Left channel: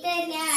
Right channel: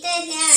later now.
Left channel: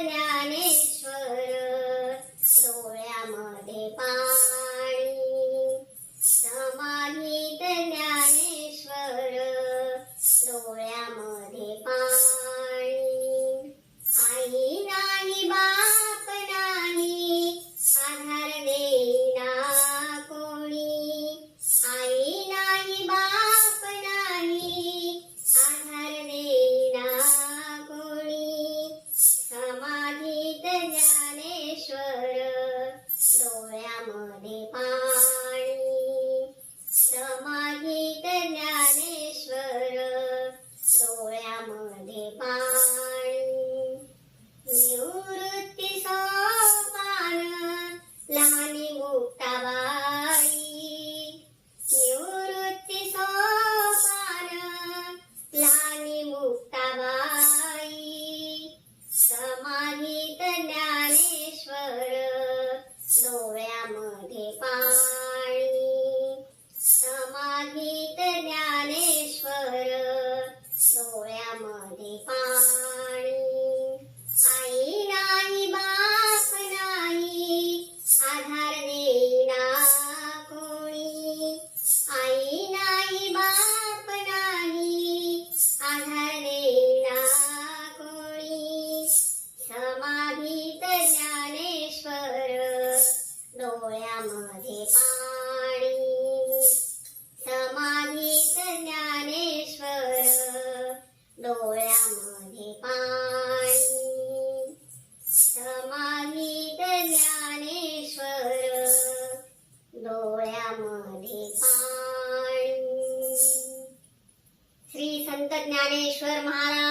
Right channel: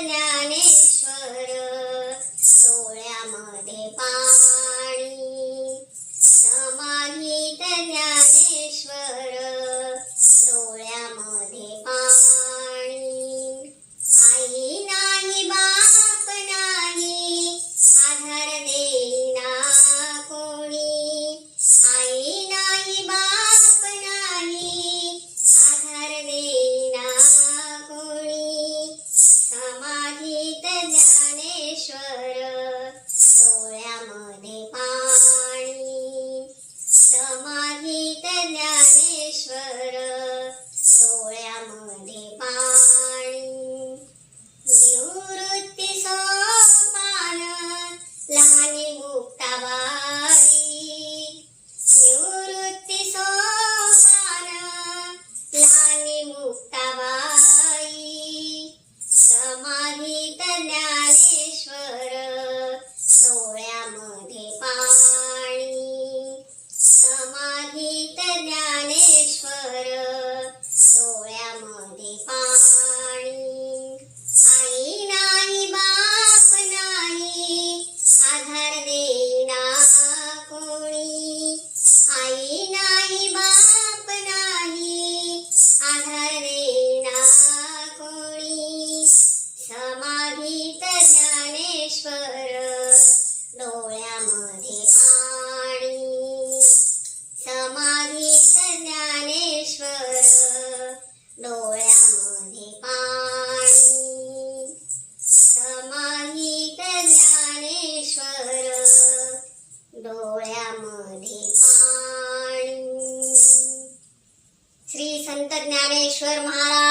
Hola. Sharana Dnyaneshwar Maharaj.